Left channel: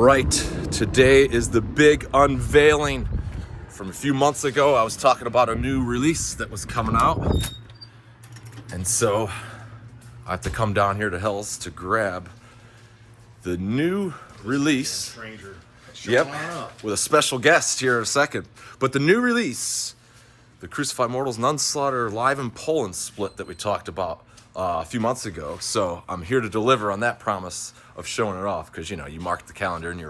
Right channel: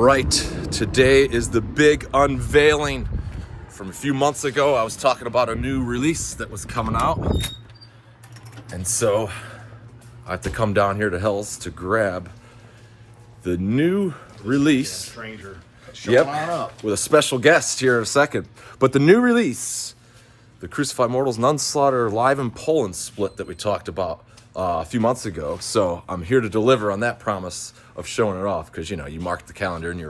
Right, today is the big unveiling. From a few months ago, I was talking about a new release that was coming out. And so I have to come down here to Hell's to grab the new release. Stranger. Yep, with a special guest here in a second. But the new release, the Crucified Mortals Nunslaughter Live in Poland split that we talked about a few months ago. So I'm here to deliver on that promise of showing it off, because you marked the calendar and you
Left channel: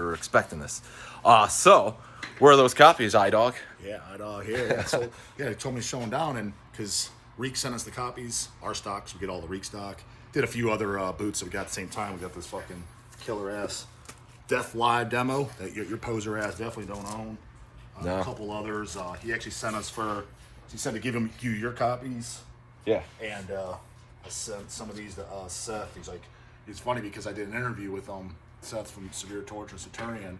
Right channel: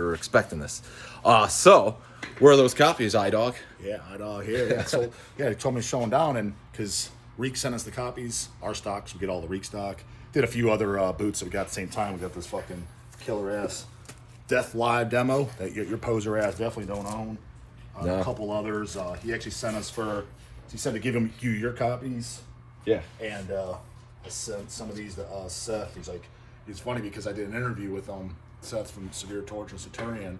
were expecting this. So where are those copies, J Dawg? Yeah, J Dawg here. Yeah, so they told me to show them down, and because Reek sent us the copies, our stock, so we get all the Reek stock. Did a few other boots that we got at the same time. We got this fucking killer ass Death Live demo that your poser ass definitely don't own. No. A couple others. He actually sent us he said to give you your copies. Yeah. And I sent some of these to Seth. He's like, it's funny because I did an interview with Seth from Severe Torture and Saturnian.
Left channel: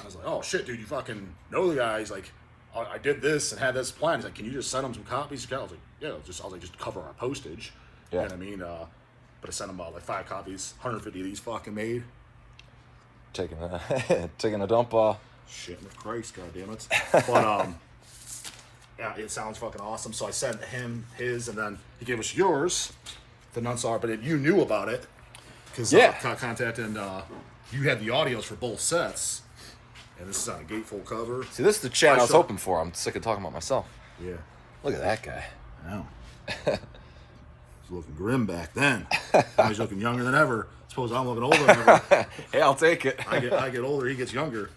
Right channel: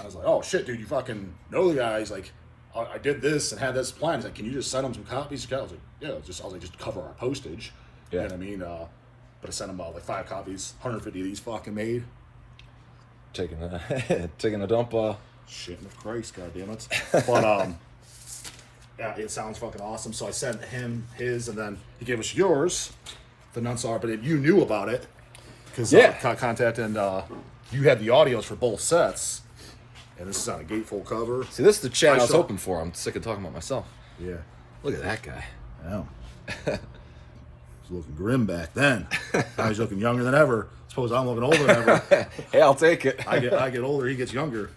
I was like, oh shit, dude, you fucking know the guy. He's like, I did this and had this plan. He's like, can you just send him some copies? I was like, yeah, just cover our postage. Yeah. You know what I mean? But I sent him like 5 copies, 150 of these fucking made. Taking a dump. Shit with Christ, goddammit. But yeah, it sounds fucking awesome. So I sent him his, and then he gave us yours, the Nunslaughter. But you knew about it because contact, and you had the audios for both sets. And this is on a gatefold cover. See, this is the chat I was hoping for. I'm sick of talking about myself. Yeah. Look at that guy. I know. He's looking grim back then. Now he's looking younger than ever. I suppose I'm looking older than ever. Hey, I'll take it. I get older, he gets younger.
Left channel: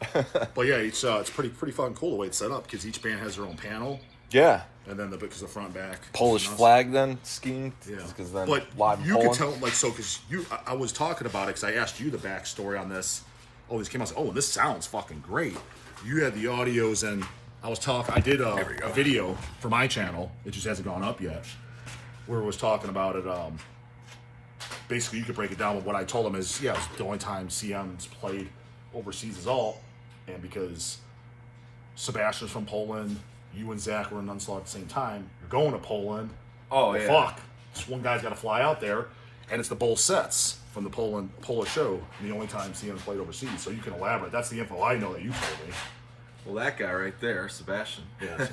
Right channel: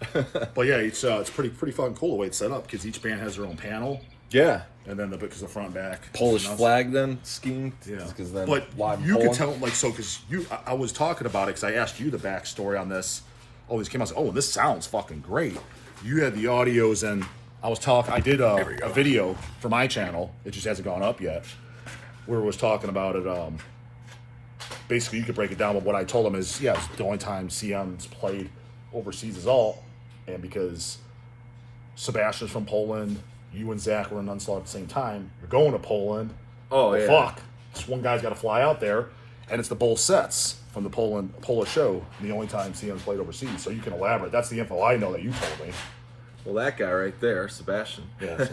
But yeah, it's pretty fucking cool the way it's set up, because each band has their own panel. Yeah. And then because the front back Polish flag then skiing. Yeah. Then but live you Poland. could tell, like, so because I was talking about it because I asked you the backstory on this. Oh, this came out. I was like, oh, this sounds fucking great. You had the audios, and I did a video for my channel. It just hasn't gone up yet. Where I was talking about it. Basically, you could break it down. But what I told him is, yeah, it was the only time CM's played overseas is all, and because Sebastian's from Poland, you and Zach were in Nunslaughter at the same time. You're going to Poland. Oh, yeah. Fuck. This one guy's got to fly out there, and it's the both sets from the Polish show. The only time CM's played overseas. So you can elaborate. That's the info I know that you told me. Well, that guy right there, Sebastian. Yeah.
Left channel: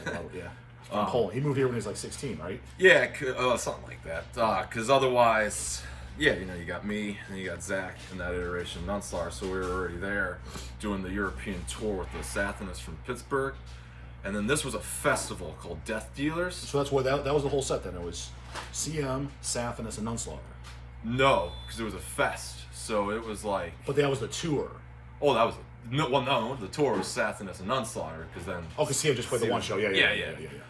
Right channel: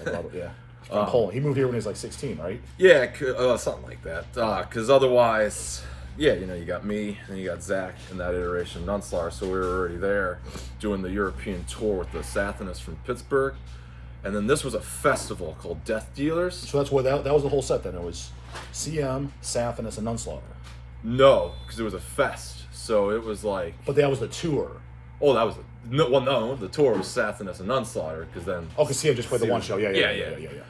From Poland. He moved here when he was like 16, right? Yeah, something like that. Because otherwise, yeah, you got me and you got Zach in that iteration of Nunslaughter, so we were already there doing the European tour with the Sathanists from Pittsburgh. And then this was a festival called Death Dealers. So that's what that was the whole set then. It was CM, Sathanists, and Nunslaughter. No, because it was a fest. So it was like... But that was the tour. Oh, that was... No, the tour was Sathanists and Nunslaughter, because then... Oh, because CM just played the one show. Yeah.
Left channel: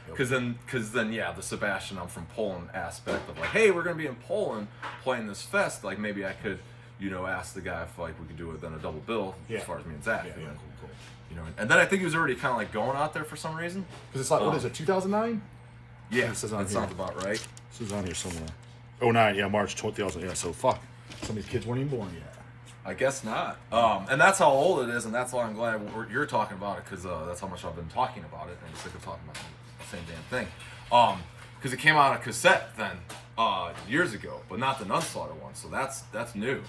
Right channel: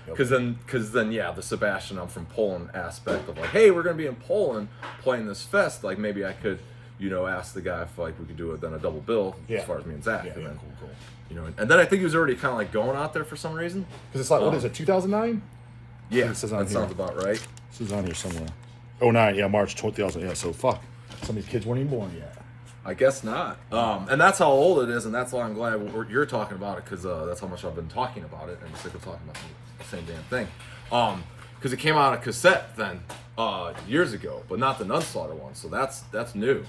Because then, the Sebastian, I'm from Poland aspect of like, hey, we're going to be in Poland playing this fest. Like, maybe I could, ask the guy if like we could do it then a double bill as far as me and Zach. Yeah, and then, cool. And then I think he was already kind of like going out there for some reason. Because it's like, what is it, 2009? Yeah, that sounds about right. This is on here somewhere. 09, yeah, March 2000. Yeah, so fuck. Some of these kids weren't even born yet. I guess not. And that's how old it is, and that's why I'm glad you're talking about it, because that's how much I've been talking about it, and I'm sick of talking about the same damn thing. Because it came out on cassette then years ago, but not the Nunslaughter one, so that's new.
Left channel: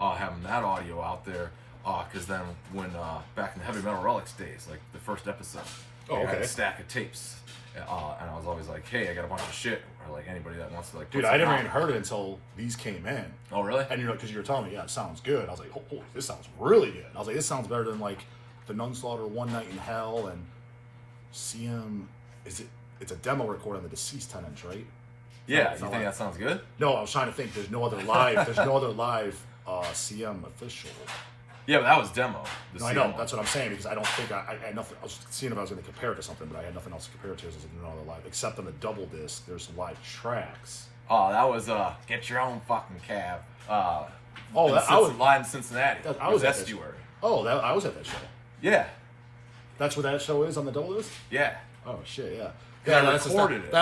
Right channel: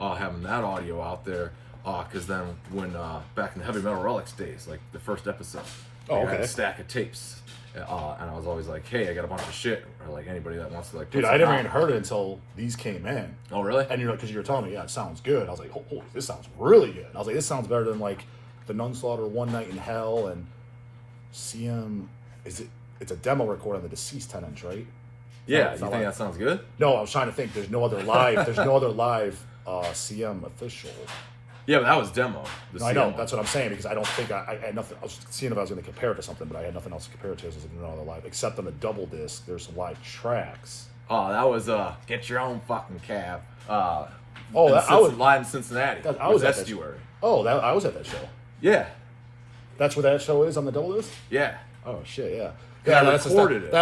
Having that audio out there, because then when back in the Heavy Metal Relics days, like the first episode, I had a stack of tapes. And I was always like, hey, I got a bunch of shit, or like anybody that wants to like. Dude, I never even heard it until these came in. Oh, really? And you're like, because you were telling me, yeah, it sounds good. I was like, holy, this sounds really good. I was like, this sounds better than like the Nunslaughter One Night in Hell and CM. It's a demo record on the Deceased 10-inch, right? Yeah, you think that sounds good? No, I was trying to think. There's no other live. CM official. Yeah, but that was demo. No, I know. That's what I'm saying, because I don't think I had nothing. I was seeing if I was going to compare it to something, but I had nothing else to compare it to. I was like, no other live, except on the double disc. There's some live tracks. Oh, that was Get Your Own Fucking Cab. I was live in Cincinnati. I was at Estuary. I was at that show. Yeah. That's where that show is on the double disc. Yeah. Oh shit, yeah. Yeah, I recorded it.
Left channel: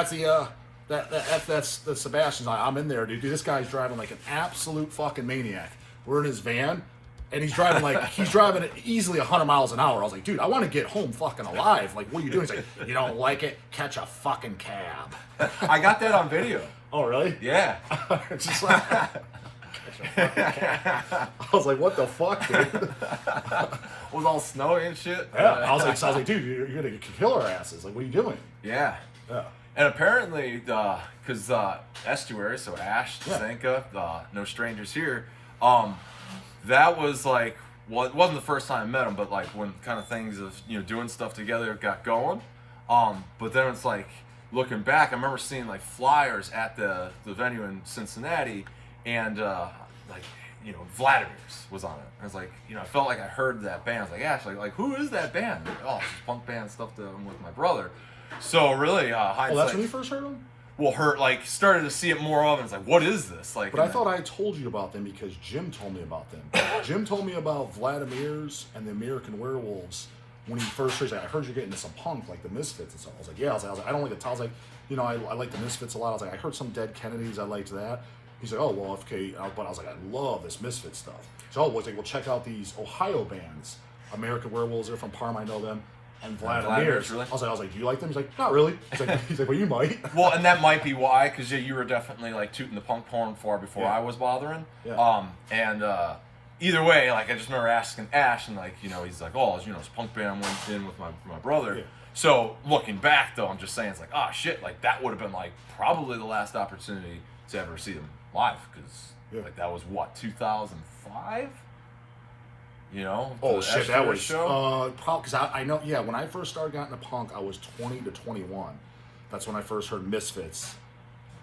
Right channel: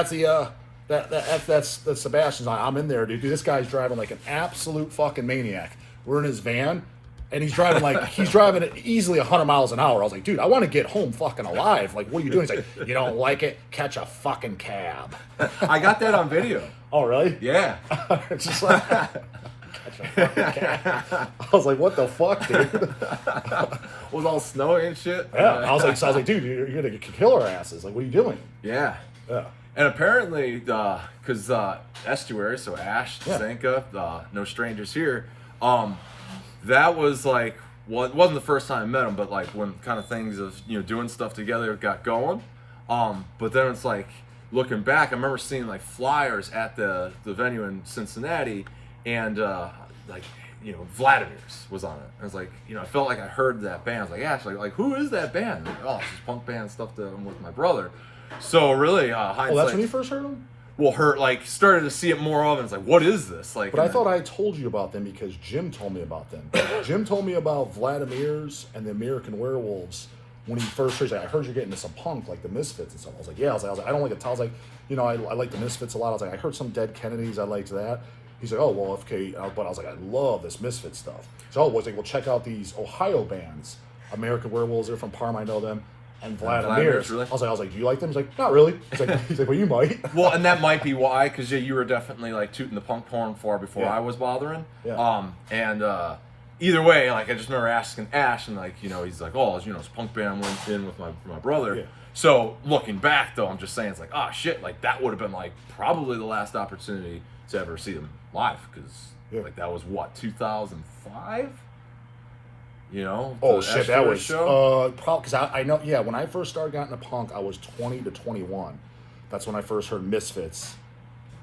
That's Sebastian's. I'm in there, dude. This guy's driving like an absolute fucking maniac. We're in his van. And he's driving at easily 100 miles an hour. I was like, dude, I want to get home fucking alive. Like, what are you doing? He's like, you don't like it? Catch a fucking cab. I got that on video. Oh, really? Yeah. It's just like, I was like, what the fuck, dude? It was all snowy and shit. Yeah, I was like, dude, you're gonna kill our asses. Like, what are you doing? Yeah. Yeah. And apparently, because estuary, so Ash, Zanka, no strangers here. That was like, well, it wasn't the first time I met him, but like when kind of things of doing stuff together got going. But then it's like looking back, I remember seeing like flyers at the venue in Cincinnati, and like Vladimir's was on it. I was like, I felt like I heard that band. I was like, Ash, like who is that band? Like, oh, it's this punk band stuff that I'm with my brother. So really, hindsight. Oh, that's when you first heard them? Well, started to see it more often. It's like, what is this? Like, but I thought I told you about them because Jim told me about them. Jim told me about Vladimir's and the American Werewolves when he first heard. Like, I heard you're getting into some punk, like the Misfits and stuff. I was like, yeah. I was like, I don't like it. I was like, I like the Misfits a lot. I was like, I heard some Dead Kennedys. I liked that. He's like, oh, well, okay. But I was like, I love this Misfit stuff. So I was like, well, check out these Ohio bands. American Werewolves, they're from Parma, I know them. And Vladimir's. Really? I was like, do you like them? He's like, not really. He's like, well, you might. Well, and that might be why, because you were definitely like tooting the punk porn far before I was bothering. Yeah. And either way, like I just remember asking Ash, and like he's like, oh, it's punk band I went in with my brother. Yeah. So looking back though, I'm just saying it's like, oh shit, like that would have been like probably the last opportunity to ever see them live, because like that was what 2005. Oh shit, that was show? probably because I know. Yeah, when I first started getting into punk, I was 20 to 21. That's when I first heard Misfits.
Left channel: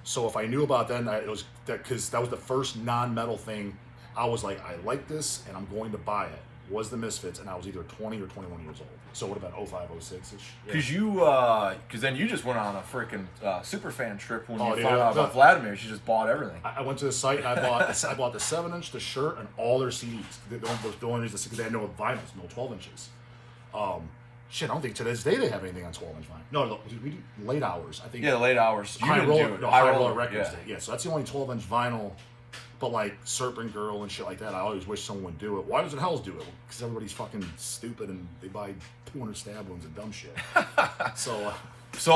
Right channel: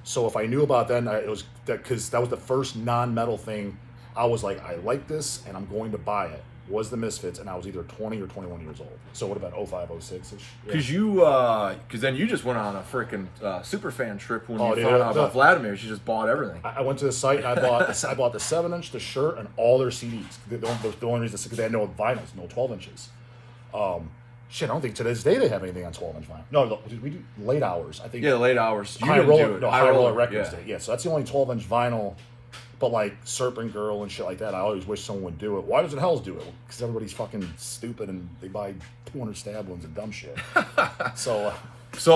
So if I knew about that, it was because that was the first non-metal thing. I was like, I like this, and I'm going to buy it. Was the Misfits, and I was either 20 or 21 years old. So what about 05, 06 ish? Because then you just went on a freaking super fan trip when you found out about Vladimir. You just bought everything. I went to the site and I bought the 7-inch, the shirt, and all their CDs. The only reason because they had no vinyls, no 12 inches. Shit, I don't think to this day they have anything on 12-inch vinyl. No, we do Late Hours. I think. Yeah, Late Hours. High Roller Records did. Yeah, so that's the only 12-inch vinyl. But like Serpent Girl and shit like that, I always wish someone would do it. Why doesn't Hells do it? Because everybody's fucking stupid and they buy 200 stab wounds and dumb shit. So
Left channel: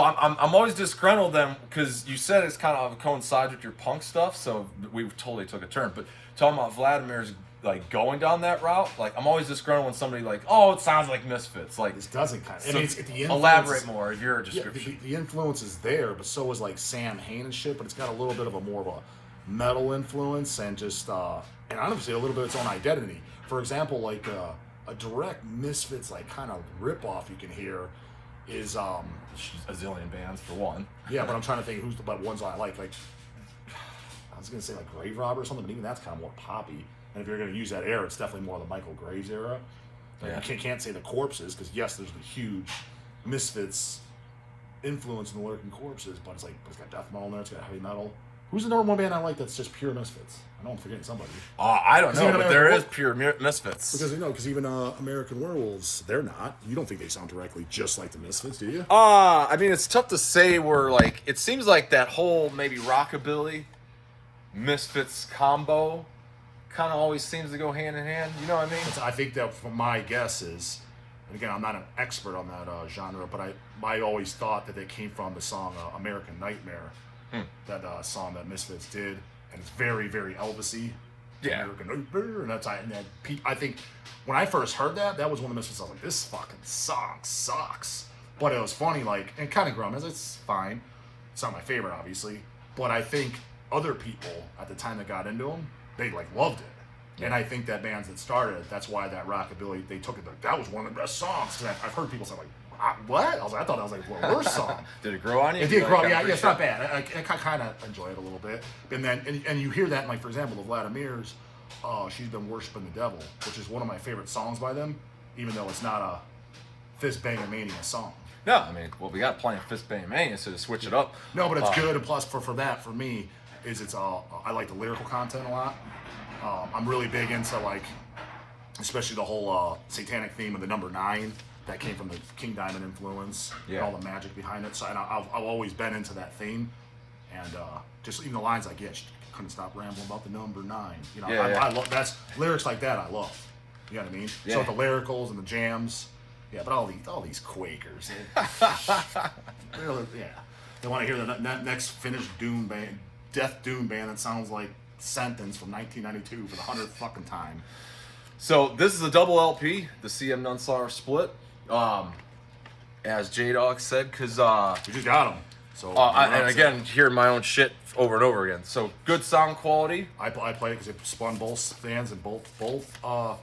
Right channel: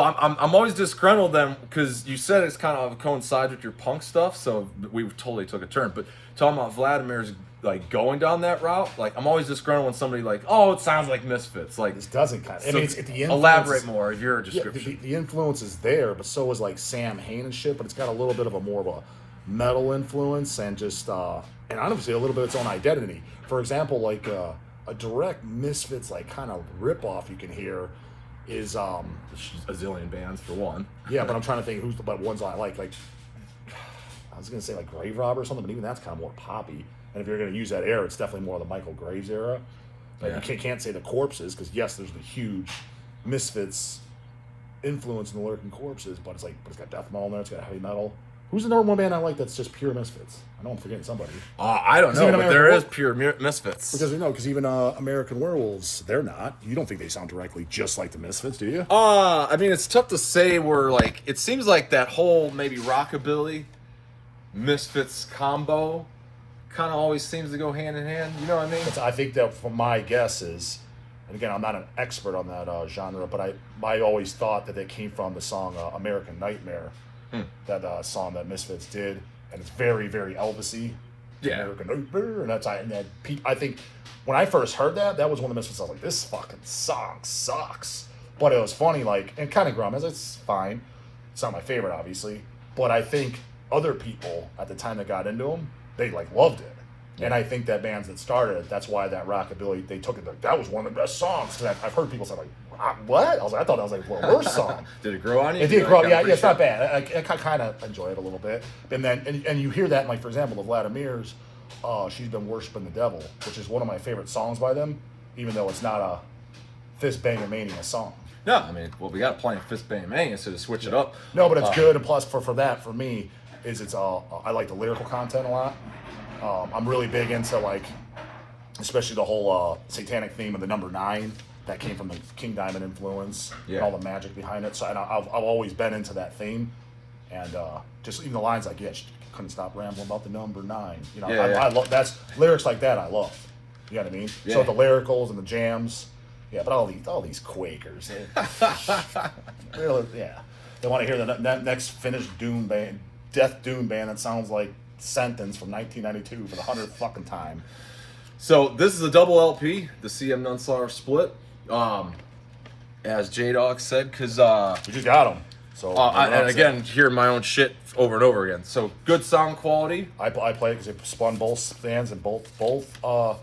I'm always disgruntled then, because you said it's kind of coincides with your punk stuff, so we totally took a turn. But talking about Vladimir's like going down that route, like I'm always disgruntled when somebody like, oh, it sounds like Misfits. Like this doesn't kind of. I mean, it's the influence. Elaborate more of your description. The influence is there, but so is like Sam Hain and shit. But it's got a little bit of a more of a metal influence and just and honestly a little bit of its own identity. For example, like a direct Misfits like kind of ripoff you can hear is a zillion bands for one. Yeah, but I'm trying to think who's the ones I like. Like I was gonna say like Grave Robber or something, but even that's kind of more poppy. And if you're gonna use that era, it's definitely more the Michael Graves era. Like you can't say the Corpses because yes, there's the huge Misfits influence in the Lurking Corpses, but it's got death metal in there, it's got heavy metal. Who's the number one band I like that's just pure Misfits? I know I'm forgetting somebody. I don't know, but there is pure Misfits. Because even American Werewolves, they're not. You don't think they sound directly just like the Misfits, do you? I mean, it's tough to say where, like, it seems like that whole maybe rockabilly Misfits combo kind of always seems to go hand in hand. You know what I mean? I think that from my guess is, and again, I'm not an expert on that genre, but I always thought that they came from the song American Nightmare. That song that Misfits did, and it's very, very Elvis-y. Yeah. American Nightmare, and I think when I first heard that was one of the Misfits. I was like, this fucking song sucks. But it was funny, like, and kind of grunge. It's fine. It's not my favorite, obviously, but I think other people at the time that got into them, they like loved it. And I think that bands that started it, that's why that rockabilly, they took it like, that was one of the best songs. Because I've heard people say like, what? I thought that was like, well, worst song. Did it grow on you? It did grow. Yeah, it's not bad. I kind of enjoy it a little bit. And then, and you hear that, in, like, for example, the Vladimir's, She's Been Worshipping the Devil, which is one of my favorite songs by them, even though it's not a Fist Banging Mania song. No, I mean, well, we got plenty of Fist Banging Mania, so to switch it up. No, but it's good. And plus, for that, for me, is it's I like the lyrical content a lot. I'm really big into, like, especially the whole satanic theme of the number 9 that came from the King Diamond influence and all the magic behind it. So and I've always been into that theme, and just even the lines like, yeah, she couldn't stop rambling about the number 9. You know, I love that's lyrics like that. I love. You know what I mean? Yeah. So the lyricals and the jams, yeah. But all these Quakers, really, yeah. They want to hear the next finished Doom band, Death Doom band that sounds like sentence from 1992 for the 100th fucking time. So this is a double LP, the CM Nunslaughter split. As J Dawg said, because We just got them. So and again, hearing my own shit over and over again. So good sound quality. I play it because it spun both fans and both the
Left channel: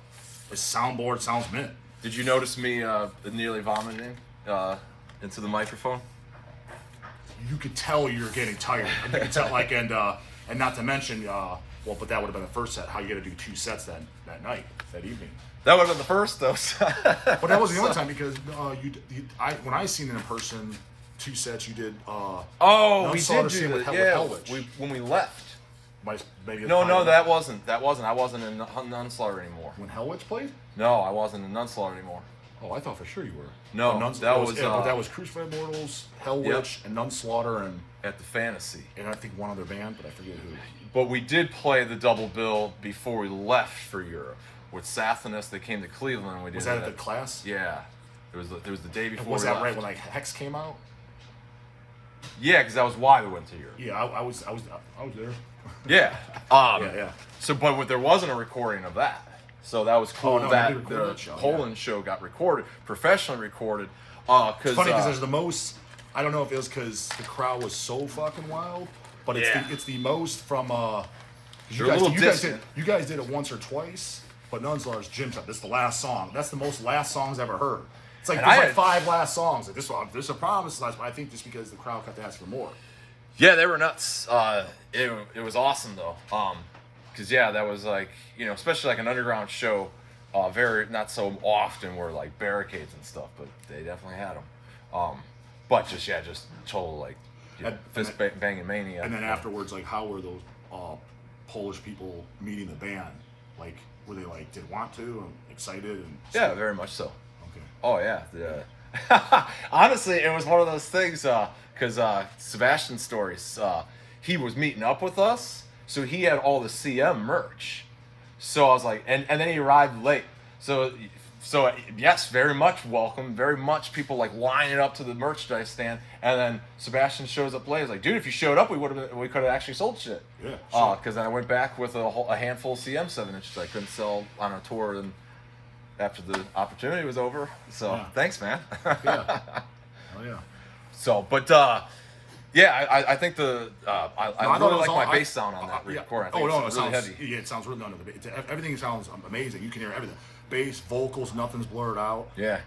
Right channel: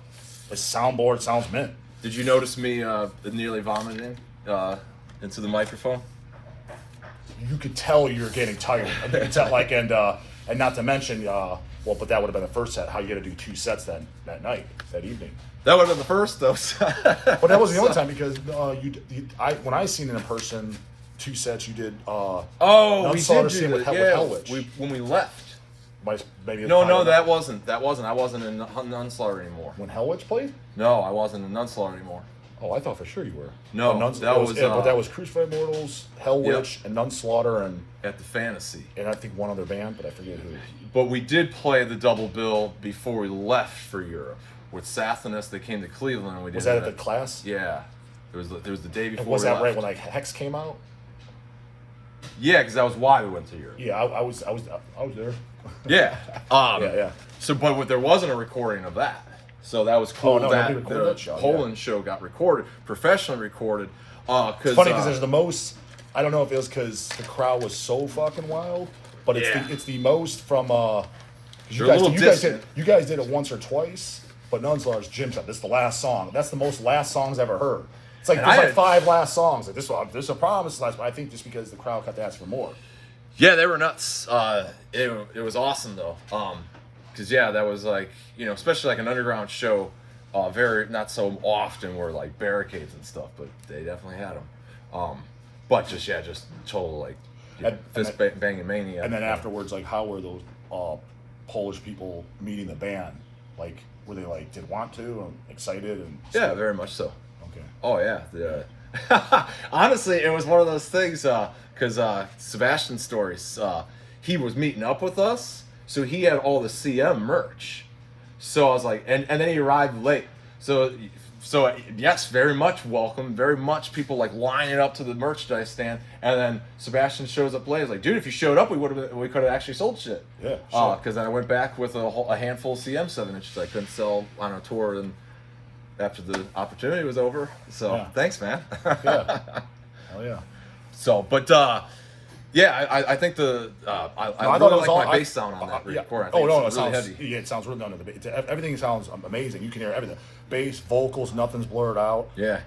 soundboard sounds mint. Did you notice me nearly vomiting into the microphone? You could tell you're getting tired. You could tell, like, and not to mention, well, but that would have been the first set. How you got to do 2 sets that night, that evening. That would have been the first, though. But that was the only time because when I seen it in person, 2 sets you did. We did do with that. Hellwitch. When we left. Maybe No, that wasn't. I wasn't in Nunslaughter anymore. When Hellwitch played. No, I wasn't in Nunslaughter anymore. Oh, I thought for sure you were. No, that was Crucified Mortals, Hellwitch, and Nunslaughter, and at the Fantasy, and I think one other band, but I forget who. But we did play the double bill before we left for Europe with Sathanas. They came to Cleveland. And we did. Was that at the class? Yeah, it was the day before. And was that right when like Hex came out? Yeah, because that was why we went to Europe. Yeah, I was there. Yeah. Yeah. So, but there wasn't a recording of that. So that was cool. That the show, Poland show got recorded, professionally recorded. It's funny because there's the most. I don't know if it was because the crowd was so fucking wild, but it's the most from. You guys did it once or twice, but Nunslaughter's Jim shot. This is the last song. That's the most last songs I've ever heard. It's like there's like 5 last songs. Like this a promise last, but I think just because the crowd got to ask for more. Yeah, they were nuts. It was awesome though. Because that was like, especially like an underground show, very not so often were like barricades and stuff, but they definitely had them. But just total like fist banging mania. And then afterwards, like, how were those Polish people meeting the band? Like, were they like did want to and excited and? Yeah, very much so. Okay. Oh yeah. Honestly, it was one of those things because Sebastian's stories. He was meeting up with us. So he had all the CM merch. So I was like, and then he arrived late. So yes, very much welcome. Very much people like lining up to the merchandise stand. And then Sebastian shows up late. He's like, dude, if you showed up, we could have actually sold shit. Yeah. Sure. Because then I went back with a handful of CM 7-inches I couldn't sell on a tour and after the opportunity was over. So thanks, man. Yeah. Hell yeah. So, but. I think I really like my bass sound on that record. It sounds really heavy. Yeah, it sounds really under the bass. Everything sounds amazing. You can hear everything. Bass, vocals, nothing's blurred out. Yeah.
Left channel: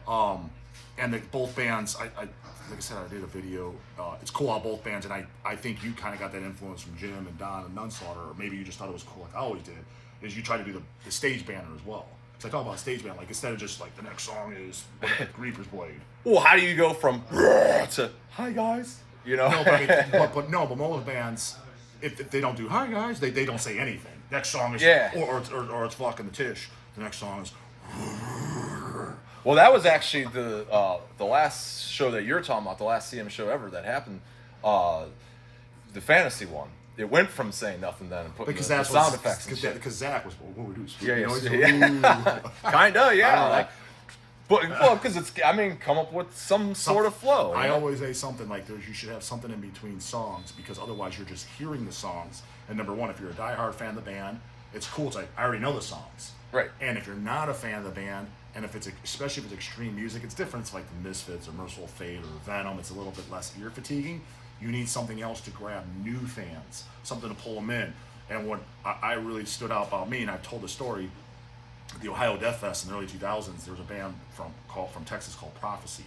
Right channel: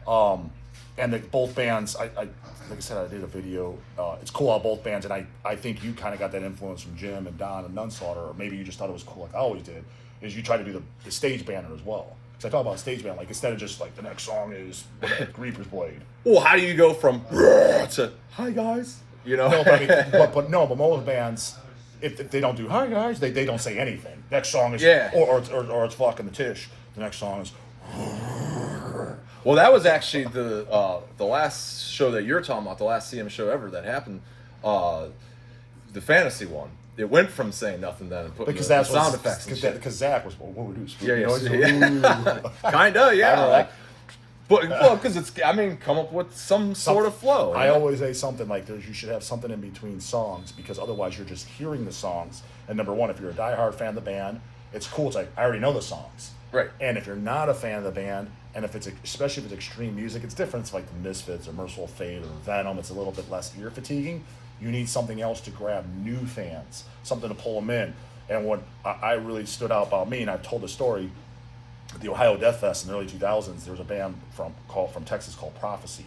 And both bands, like I said, I did a video. It's cool how both bands, and I think you kind of got that influence from Jim and Don and Nunslaughter, or maybe you just thought it was cool like I always did, is you try to do the stage banner as well. Because I talk about stage band, like instead of just like the next song is Reaper's Blade. Well, how do you go from to hi guys? No, but most bands, if they don't do hi guys, they don't say anything. Next song is or it's fucking the Tish. The next song is. Well, that was actually the last show that you're talking about, the last CM show ever that happened, the Fantasy one. It went from saying nothing then and putting the sound effects and shit. Because Zach was what we do. Kinda, yeah. But because come up with some sort of flow. I always say something like you should have something in between songs because otherwise you're just hearing the songs. And number one, if you're a diehard fan of the band, it's cool. It's like I already know the songs. Right. And if you're not a fan of the band, and especially if it's extreme music, it's different. It's like the Misfits or Merciful Fate or Venom. It's a little bit less ear fatiguing. You need something else to grab new fans, something to pull them in. And what I really stood out about me, and I've told the story. The Ohio Death Fest in the early 2000s, there was a band from Texas called Prophecy.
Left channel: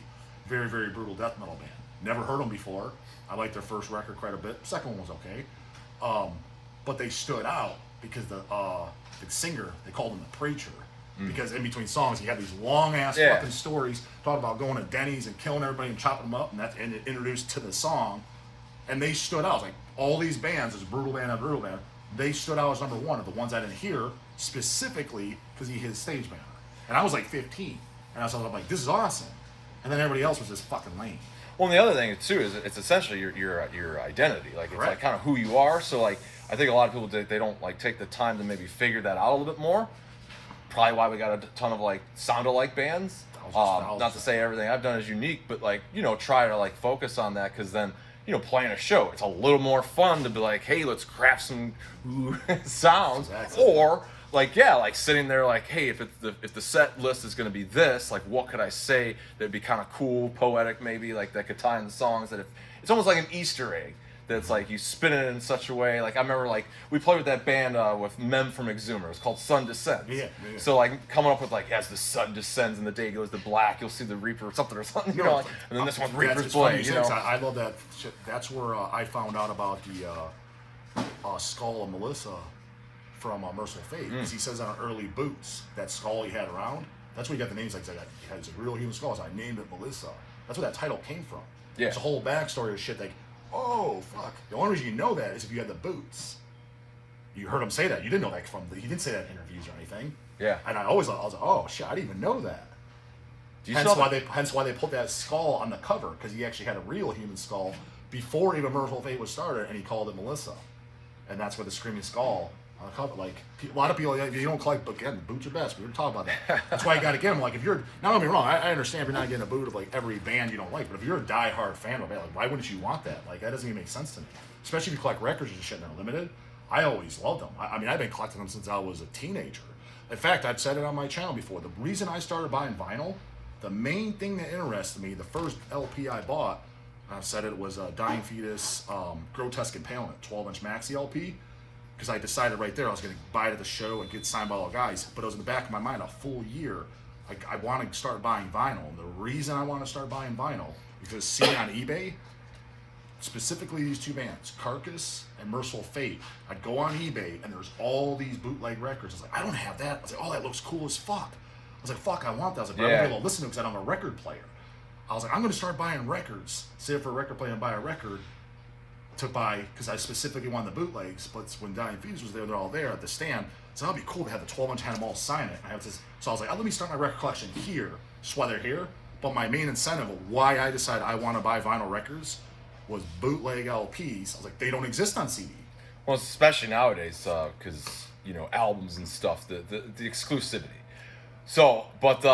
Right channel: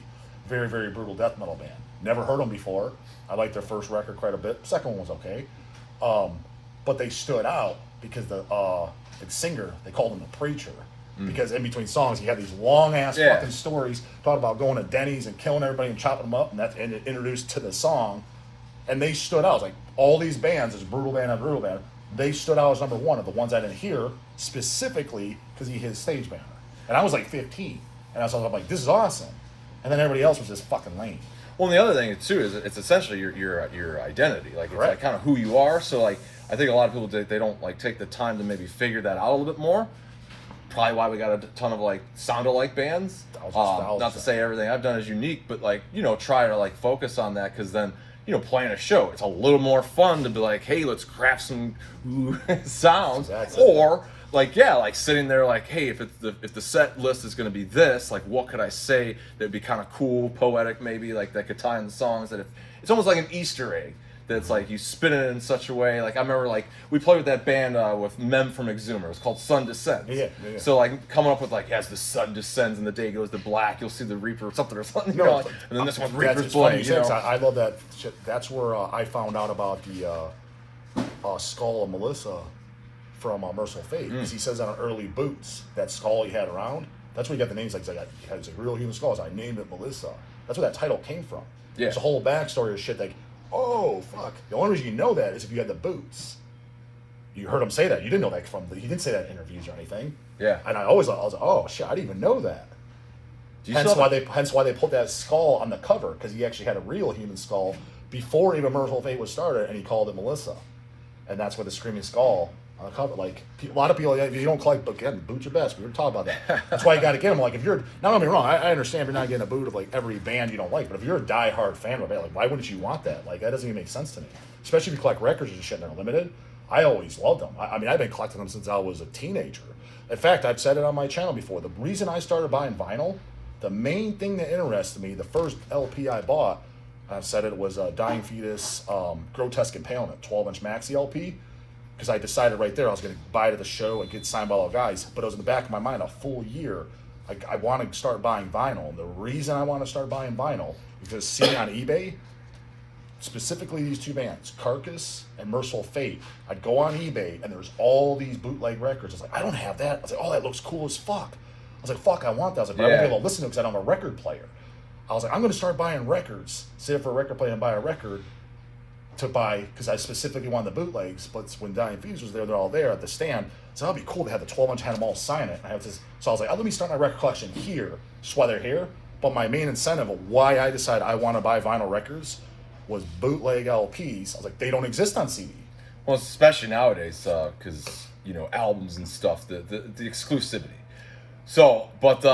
Very, very brutal death metal band. Never heard them before. I liked their first record quite a bit. Second one was okay. But they stood out because the singer, they called him the preacher. Because in between songs, he had these long-ass fucking stories talking about going to Denny's and killing everybody and chopping them up, and it introduced to the song. And they stood out. It was like all these bands, this brutal band after brutal band, they stood out as number one of the ones I didn't hear specifically because he hit stage banner. And I was like 15. And I was like, this is awesome. And then everybody else was just fucking lame. Well, and the other thing too is it's essentially your identity. Like it's like kind of who you are. So like I think a lot of people they don't like take the time to maybe figure that out a little bit more. Probably why we got a ton of like sound-alike bands. Not to say everything I've done is unique, but like try to like focus on that because then playing a show. It's a little more fun to be like, hey, let's craft some sounds, Exactly. or like sitting there like, hey, if the set list is going to be this, like what could I say that'd be kind of cool, poetic, maybe like that could tie in the songs, that if it's almost like an Easter egg. That's like you spin it in such a way. Like I remember, like we played with that band with Mem from Exhumer. It's called Sun Descends. Yeah. So like coming up with like, as the sun descends and the day goes to black, you'll see the Reaper or something. And then this one's Reaper's Blade. I love that shit. That's where I found out about the skull of Melissa from Merciful Fate. Because he says on early boots, that skull he had around, that's where he got the names. Like it's a real human skull. So I named it Melissa. That's where that title came from. Yeah. It's a whole backstory of shit like, oh fuck. The only reason you know that is if you had the boots. You heard him say that. You didn't know that he didn't say that in interviews or anything. Yeah. And I was like, oh shit, I didn't even know that. Hence why they put that skull on the cover, because he actually had a real human skull before even Merciful Fate was started, and he called it Melissa. And that's where the screaming skull on the cover. Like a lot of people, if you don't collect, again, boot your best. We were talking about that. That's why you got to get them. Like if you're, now don't get me wrong, I understand if you're not getting a boot of like every band you don't like, but if you're a diehard fan of a band, like why wouldn't you want that? Like that doesn't even make sense to me. Especially if you collect records and shit and they're limited. I always loved them. I mean, I've been collecting them since I was a teenager. In fact, I've said it on my channel before. The reason I started buying vinyl, the main thing that interested me, the first LP I bought, I've said it, was Dying Fetus, Grotesque Impalement, 12-inch maxi LP. Because I decided right there I was going to buy it at the show and get signed by all guys. But it was in the back of my mind a full year. I want to start buying vinyl. And the reason I want to start buying vinyl is because seeing on eBay, specifically these two bands, Carcass and Merciful Fate, I'd go on eBay and there's all these bootleg records. I was like, I don't have that. I was like, oh, that looks cool as fuck. I was like, fuck, I want that. I was like, but I won't be able to listen to it because I don't have a record player. I was like, I'm going to start buying records, save for a record player and buy a record to buy, because I specifically wanted the bootlegs, but when Dying Fetus was there, they're all there at the stand. So that'd be cool to have the 12-inch, had them all sign it. I have this, so I was like, let me start my record collection here. That's why they're here. But my main incentive of why I decided I want to buy vinyl records was bootleg LPs. I was like, they don't exist on CD. Well, especially nowadays, because albums and stuff, the exclusivity. So, but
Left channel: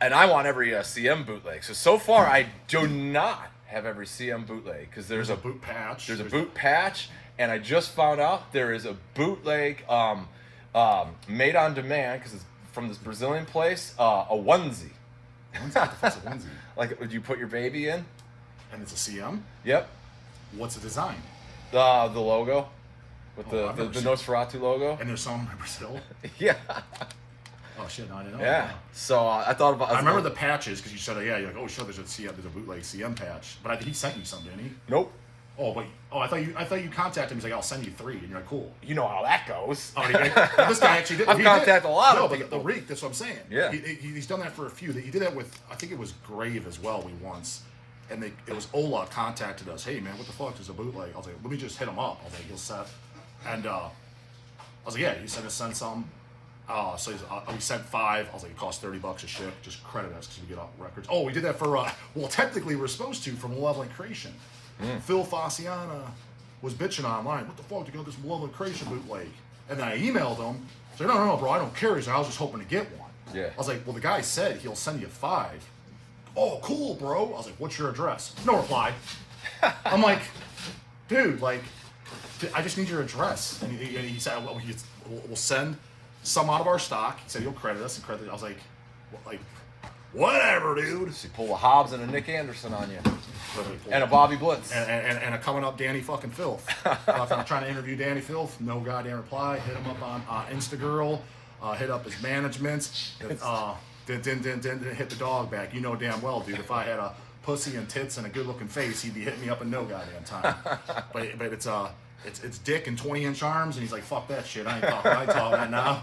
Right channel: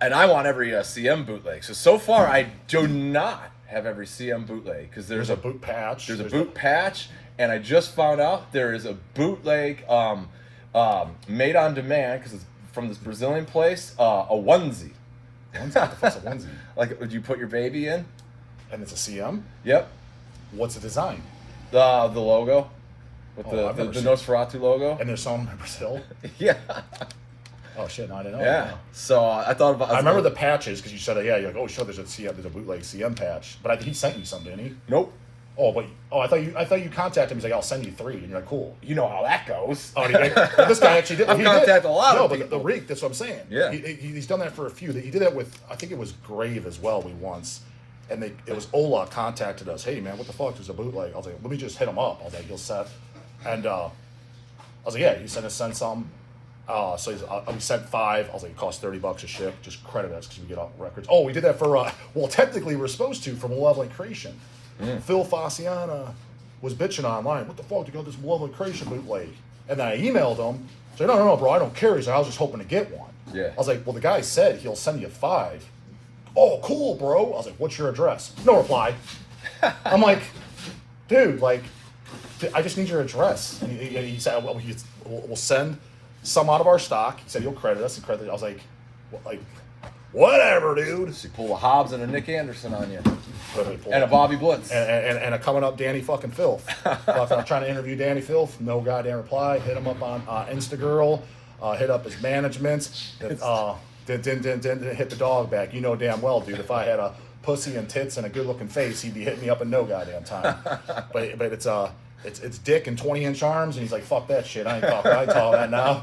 and I want every CM bootleg. So far, I do not have every CM bootleg, because there's a boot patch. There's a boot patch, and I just found out there is a bootleg made on demand, because it's from this Brazilian place, a onesie. What the fuck's a onesie? Like, would you put your baby in? And it's a CM? Yep. What's the design? The logo. With the Nosferatu logo. And there's some in Brazil? Yeah. Oh shit! No, I didn't know. Yeah. That. So I thought about. I remember the patches, because you said, you're like, oh, sure, there's a bootleg CM patch. But I think he sent you some, didn't he? Nope. Oh, but I thought you contacted him. He's like, I'll send you 3, and you're like, cool. You know how that goes. Oh, this guy actually did. I've contacted a lot of people. people. No, but the Reek, that's what I'm saying. Yeah. He's done that for a few. He did that with, I think it was Grave as well. Once, and it was Ola contacted us. Hey man, what the fuck? There's a bootleg. I was like, let me just hit him up. I was like, he'll set. And I was like, yeah, you send some. So we sent 5. I was like, it costs $30 a ship. Just credit us because we get all records. Oh, we did that for well, technically we're supposed to, from Malevolent Creation. Phil Fasciana was bitching online. What the fuck? You got this Malevolent Creation bootleg? And then I emailed him. So no, bro, I don't care. He's like, I was just hoping to get one. Yeah. I was like, well, the guy said he'll send you 5. Oh, cool, bro. I was like, what's your address? No reply. I'm like, dude, like, I just need your address. And he said, well, we'll send some out of our stock. He said he'll credit us and credit. I was like, whatever, dude. So you pull a Hobbs and a Nick Anderson on you, and a Bobby Blitz, and a coming up Danny fucking Filth. I'm trying to interview Danny Filth. No goddamn reply. Hit him up on Instagirl. Hit up his management. Didn't hit the dog back. You know damn well, dude. If I had a pussy and tits and a good-looking face, he'd be hitting me up in no goddamn time. but it's dick and 20-inch arms, and he's like, fuck that shit. I ain't talking that now.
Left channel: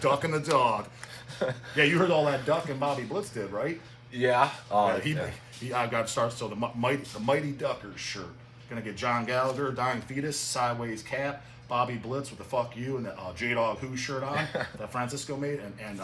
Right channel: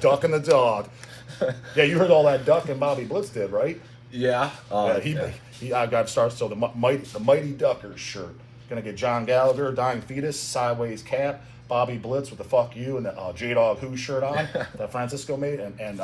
Duck and the dog. Yeah, you heard all that Duck and Bobby Blitz did, right? Yeah. I got started. So the Mighty Duckers shirt. Gonna get John Gallagher, Dying Fetus, Sideways Cap, Bobby Blitz with the fuck you and the J Dawg Who shirt on that Francisco made, and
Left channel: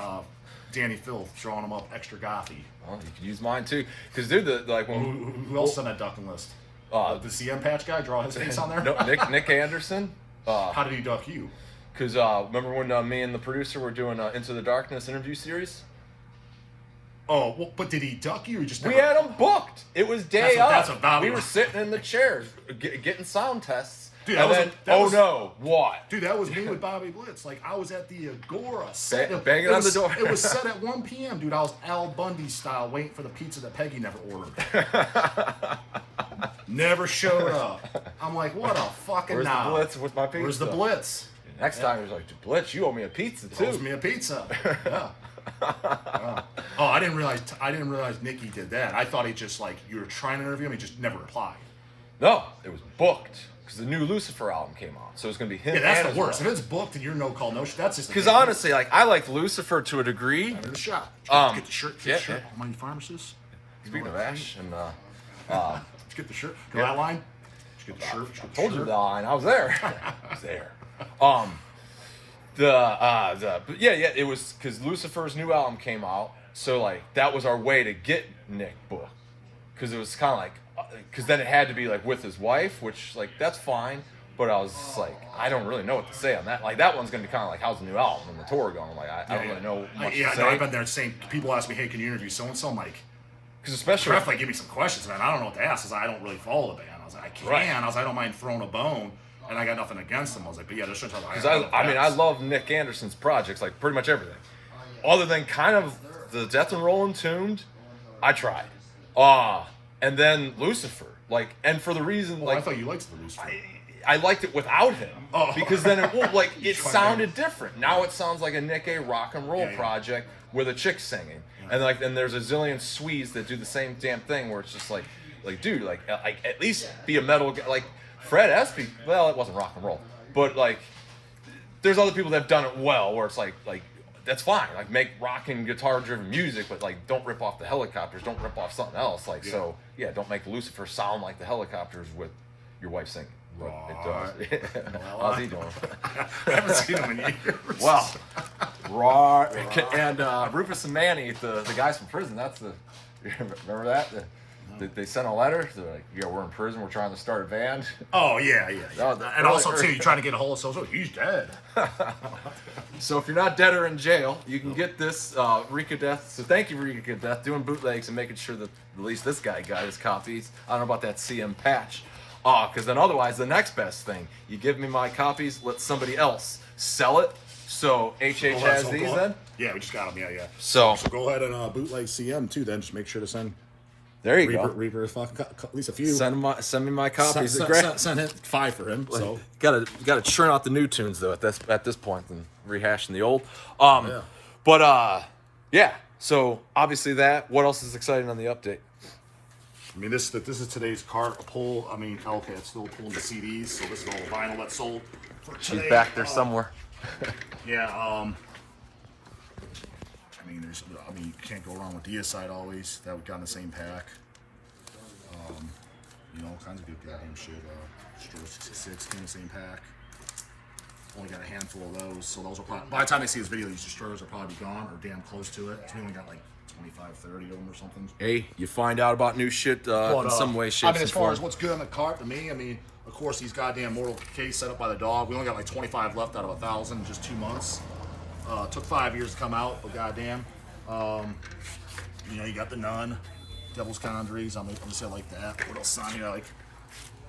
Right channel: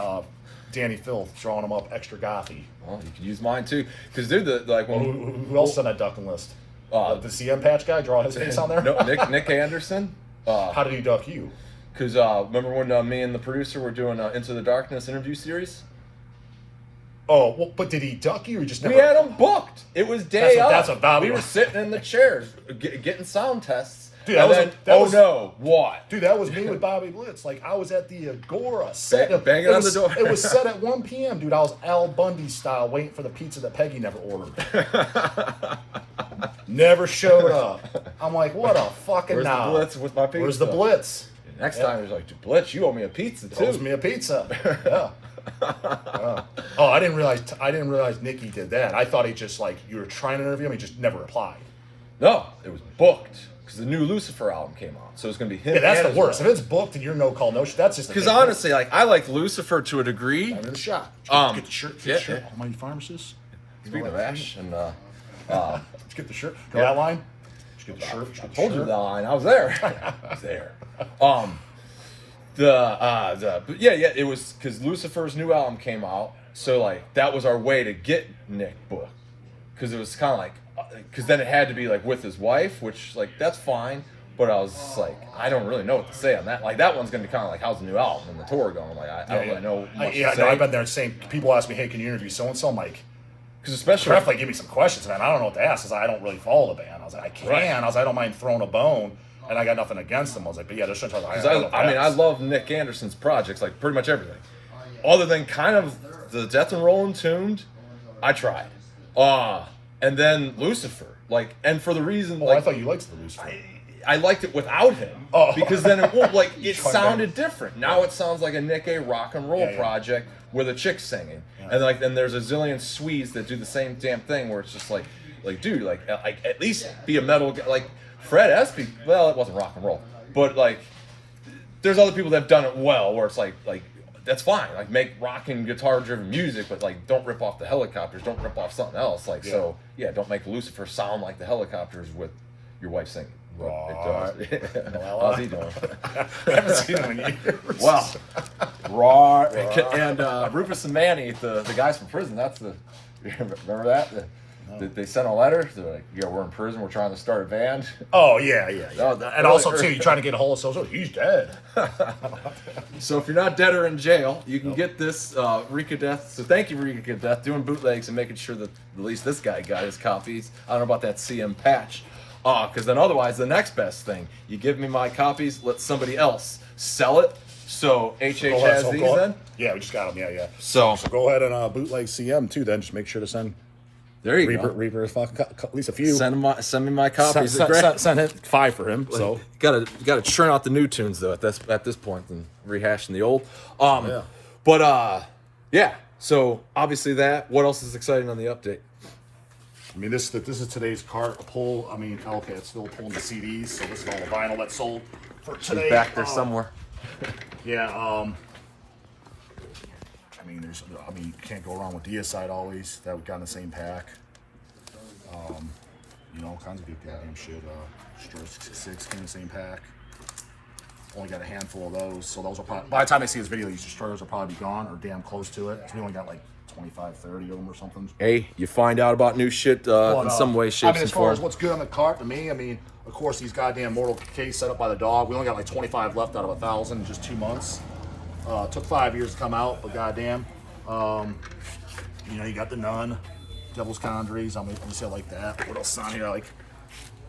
Danny Filth drawing them up extra gothy. Well, you can use mine too, because dude, who else on that ducking list? The CM patch guy, draw his face on there. No, Nick Anderson. How did he duck you? Because remember when me and the producer were doing Into the Darkness interview series? Oh, well, but did he duck you or just never? We had him booked. It was day of. That's a value. We were sitting in the chairs getting sound tests. Dude, What? Dude, that was me with Bobby Blitz. Like, I was at the Agora set. Banging on the door. It was set at 1 p.m., dude. I was Al Bundy style waiting for the pizza that Peggy never ordered. Never showed up. I'm like, what a fucking Where's the Blitz? Where's my pizza? Where's the Blitz? Next time he was like, Blitz, you owe me a pizza too. Owes me a pizza. Yeah. Oh, I didn't realize Nikki did that. I thought he just like you were trying to interview him, he just never replied. No, it was booked because the new Lucifer album came out, so it's gonna be him. Yeah, that's and the his worst. wife. If it's booked and you're no call no shit, that's just Because honestly, like I like Lucifer to a degree. I'm in the shot. Get the shirt. Get yeah, the shirt. yeah. Almighty Pharmacist. Speaking of Ash, and Let's get the shirt. Go that line. Let's get the shirt. Let's get the told you shirt. the line. I was there. I was there. It was because Lucifer's new album came out, so like that was our way to get Nick booked, because it was kind of like, because then it had to be like with his wife, which like that's fine, but I was just like, I don't really know what to say on that. Like that one's gonna be kind of like, how's the new album and the tour going? I'm like, I don't really know much to say. I've been there saying people ask me, hey, can you interview so and so, Mike? Because especially Pref, like, give me some questions, man. I don't know what to ask. I was like, I don't really follow the band. I was like, I can. Right. I was like, I don't mind throwing a bone, and I got nothing against them. I was like, but yeah, there's certain times I love Nick Anderson's projects, like pretty much everything, other than kind of the Death and Rollin' Tuned. I tried, and then Lucifer, like, and for the reason, like, I thought you liked the Lucifer. I liked it without him, because then it sounded different. Now it sounds like a Nick A rock and roll project with a chick singing, and like then there's a zillion Swedes that do the same damn thing where it's just like dude, like at least be a metal guy. Like Fred Espy, well, it wasn't rock and roll, but like there's other people that have done it well where it's like that's fine, like make rock and guitar driven music, but like don't rip off the Helicopters, don't rip off something else, like so don't make Lucifer sound like the Helicopters with your wife singing. Right. How's he doing? I haven't seen him in years. Well, raw and Rufus and Manny, the guys from prison. That's the remember that? They sent a letter. They're like, "Yeah, we're in prison. We're trying to start a band." Oh yeah. And also too, you trying to get a hold of social. He's dead. So if you're not dead or in jail, you can get this Reek of Death. So thank you, Reek of Death, doing bootlegs and making sure that at least this guy got his copies. I don't know about that CM patch. Because then otherwise, the next best thing, you give me my copies, let somebody else sell it. So HH has these then? Yeah, we just got them. Yeah. So go ahead and bootleg CM too. Then just make sure to send. There you go. Reaper fucking at least a few. Send me my copies. Send him 5 for him. So gotta churn out the new tunes though at this point and rehashing the old. So obviously that. What else is exciting on the update? I mean, this is today's cart pull. I mean, okay, it's still pulling the CDs, so this is all the vinyl that's sold for today. Back there somewhere. Yeah. I mean, you can't go wrong with Deicide always. That we got in the same pack. All kinds of good goddamn shit. Stroke 6 came in the same pack. Only got a handful of those, so those will probably, by the time they see this video, these destroyers will probably be gone or damn close to it. So we only got like 25, 30 of them or something. Hey, you find out about new shit in some way, shape, and form. As far as what's good on the cart to me, I mean, of course, these goddamn Mortal case set up by the Dawg. We only got like 25 left out of 1,000 in just 2 months. Took 5 years to come out, but goddamn. You got the Nun, Devil's Conjuries. I'm gonna say like that. What else is on here? Like,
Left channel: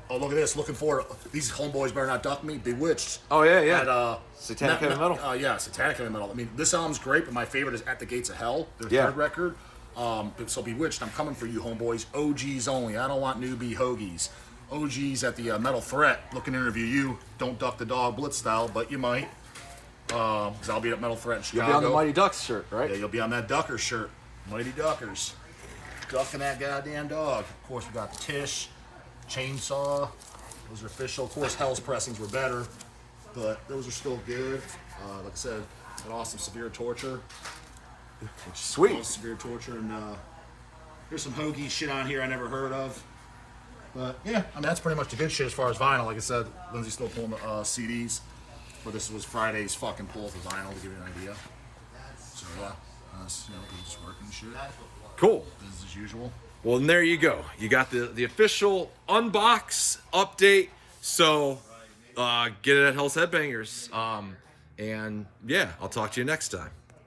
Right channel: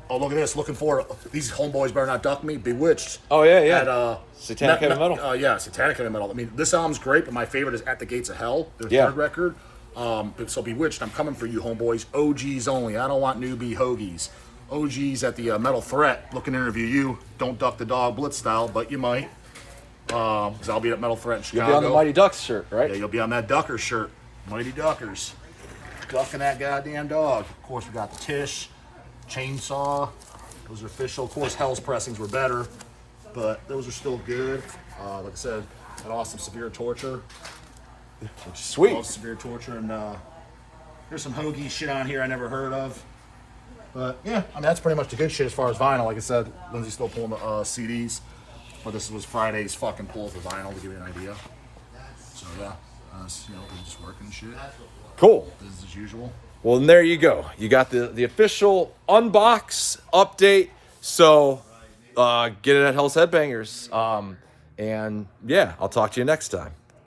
oh, look at this. Looking for these homeboys better not duck me. Bewitched. Oh yeah. At, Satanic Heavy Metal. Yeah, Satanic Heavy Metal. I mean, this album's great, but my favorite is At the Gates of Hell, their third record. So Bewitched, I'm coming for you, homeboys. OGs only. I don't want newbie hoagies. OGs at the Metal Threat. Looking to interview you. Don't duck the Dog Blitz style, but you might. Because I'll be at Metal Threat in Chicago. You'll be on the Mighty Ducks shirt, right? Yeah, you'll be on that Ducker shirt. Mighty Duckers. Ducking that goddamn dog. Of course, we got the Tish, Chainsaw. Those are official. Of course, Hell's pressings were better, but those are still good. Like I said, an awesome Severe Torture. Sweet. Severe Torture. And there's some hoagie shit on here I never heard of. But yeah, I mean, that's pretty much the good shit as far as vinyl. Like I said, Lindsay's still pulling the CDs. But this was Friday's fucking pull for vinyl to give you an idea. So yeah, people just working and shit. Cool. Business as usual. Well, then there you go. You got the official unbox update. So get it at Hell's Headbangers. And yeah, I'll talk to you next time.